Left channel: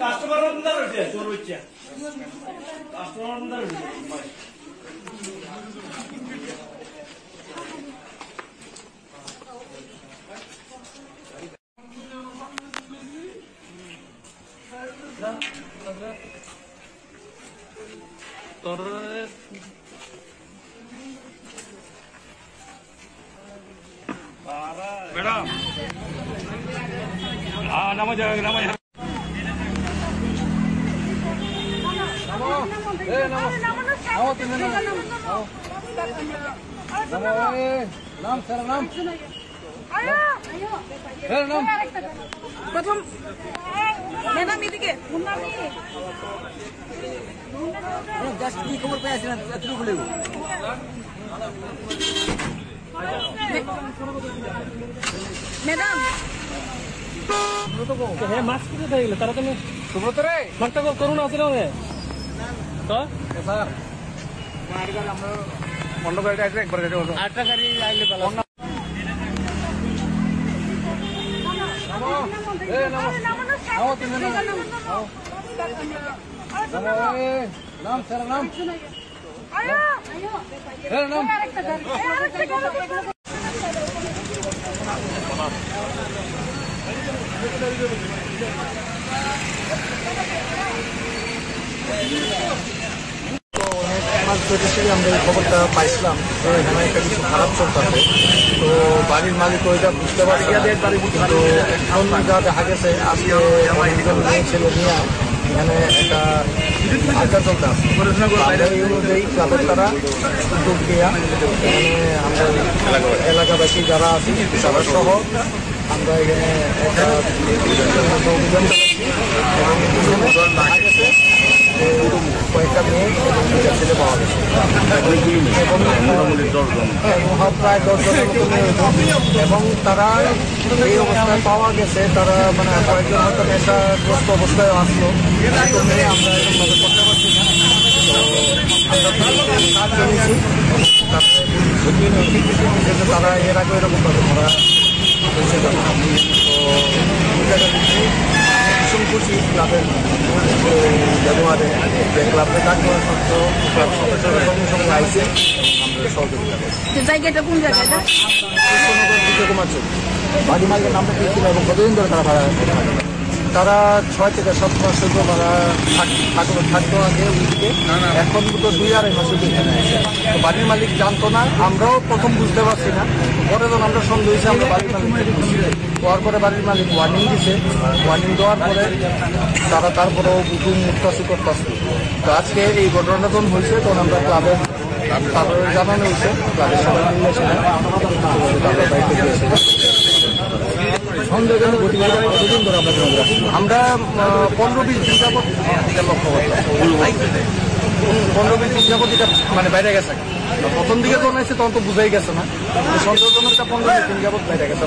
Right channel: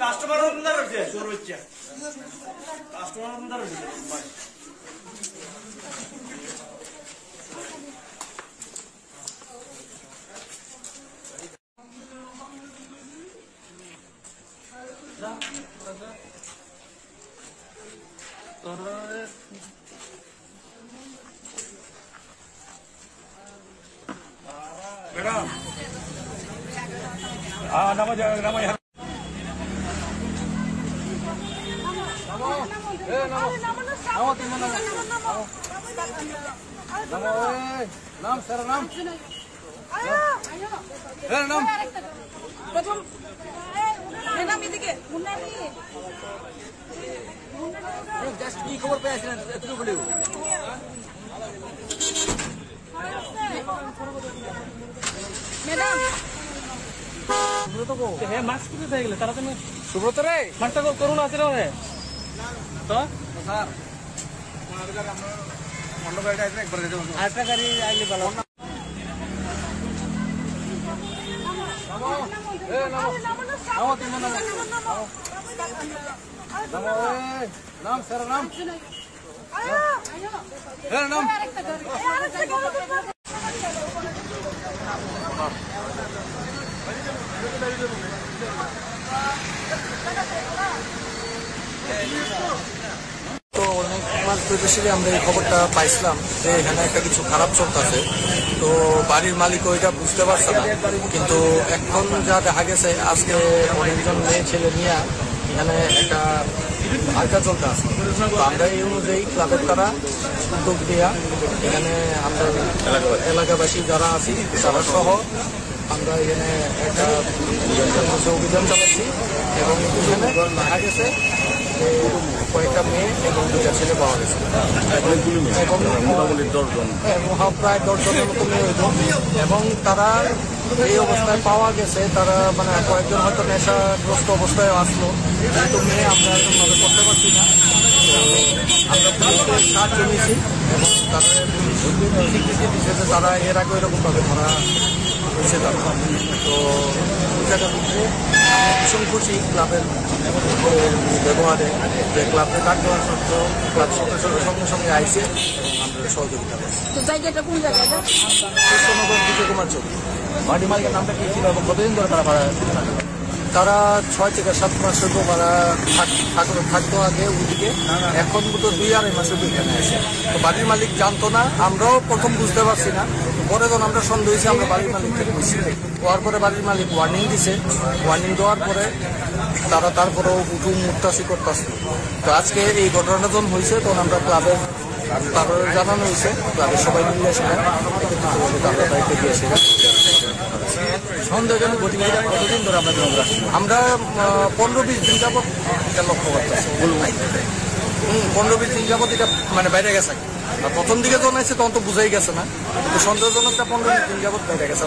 Customer রয়েছে চোর হচ্ছে কাস্টমার রয়েছে मैडम नमो जाएगा नमो नमो ए नमो नमो तीन नमो नमो ए नाम सर नाम ए नाम प्रथम मैडम इदिके मुन्ना दिके जस्ट की खबर पे आছিলেন এতটুকু বলে मैडम हे मास्क किती થઈ ગયું તારા તમે সুব্রত রে মাস্কটা করুন আছে রে তো স্যার মারিগার আমরা মন্ডপে আইছে একবার গেছে আজকে আমি আইলে ভালো नमो ए नमो नमो तीन नमो नमो ए नाम सर नाम ए नाम তো অনেক মাস ধরে আমরা এই খবরটা পাইছিলাম তো এখানে একটা কিছু খারাপ চলতেছে তো বাড়ির মালিক ওইটা বুঝতে পারছে না কিন্তু এখন যা দেখা গেছে আজকে অনেকজন মেয়ে ছেলে নিয়ে এখানে একটা আড্ডা চলতে আছে আমরা এই অনুযায়ী ক্লাবের তারা উদ্যোগ দেওয়া এখানে আমরা এলাকাবাসী যারা আছি তারা সহ আমরা এখানে একটা অভিযান চালাচ্ছি এবং এখানে দেখা গেছে কয়েকটা মেয়ে এবং দুটা ছেলে পাওয়া গেছে এবং প্রায় 10 জনের মতো মেয়ে হয়েছে এবং তারা এই অবস্থায় পাওয়া গেছে তারা মানে কয়েকজন হয়তো নেশাগ্রস্ত অবস্থায় আসলো কিন্তু মেয়ে আমরা এরকমভাবে করতে পারছি না তো আমরা কাজ জমিয়েছি এবং তারা এর আগে এরকমভাবে ধরা হয়েছে তারা তো এই জায়গা দিচ্ছি ভীষণ খুশি ক্লাবের ব্যবহারে যে ক্লাবকে কাজ করার সত্য ক্লাব সদস্যরা সঙ্গে সঙ্গে আইসে আমরা সহযোগিতা করছি জায়গাটা কোন জায়গাটা কুমার চৌধুরী বাড়ি মালিকের নামটা কি ছিল এবং কতদিন ধরে তারা ভাড়া তারা 6 থেকে 7 মাস হইতে ভাড়া থাকতো আগে ওইদিকে এখন তো 2-2.5 মাসের দিকে তো বাড়ির মালিক জানতো না আমরাও প্রথম বুঝতে পারছি না পরে যখন আমরা সন্দেহ হয়েছি আমরা বাড়ির মালিককে বুঝছি হওয়ার পরে বাড়ির মালিক ওয়ার্নিং দিছে ওয়ার্নিং দেওয়ার পরে তারা তারপরেও বুঝুন মুক্তাসি করতেছে তো আজকে এই ঘটনাটা যখন হয়েছে তখন আমরা ক্লাবের তারপরে জানানো হয়েছে ক্লাবের সবাই মিলে সেটা সন্দেহজনক গতিবিধি কতদিন ধরে আমরা 15-20 দিন যাবত এটা লক্ষ্য করতেছি 15-20 দিন যাবত এটা মানে বাইরে গেছে প্রথম দিকে যখন এসে তখন তো বুঝাই গেছে না সন্দেহজনকটা 15-20 দিন যাবত বাইরে গেছে।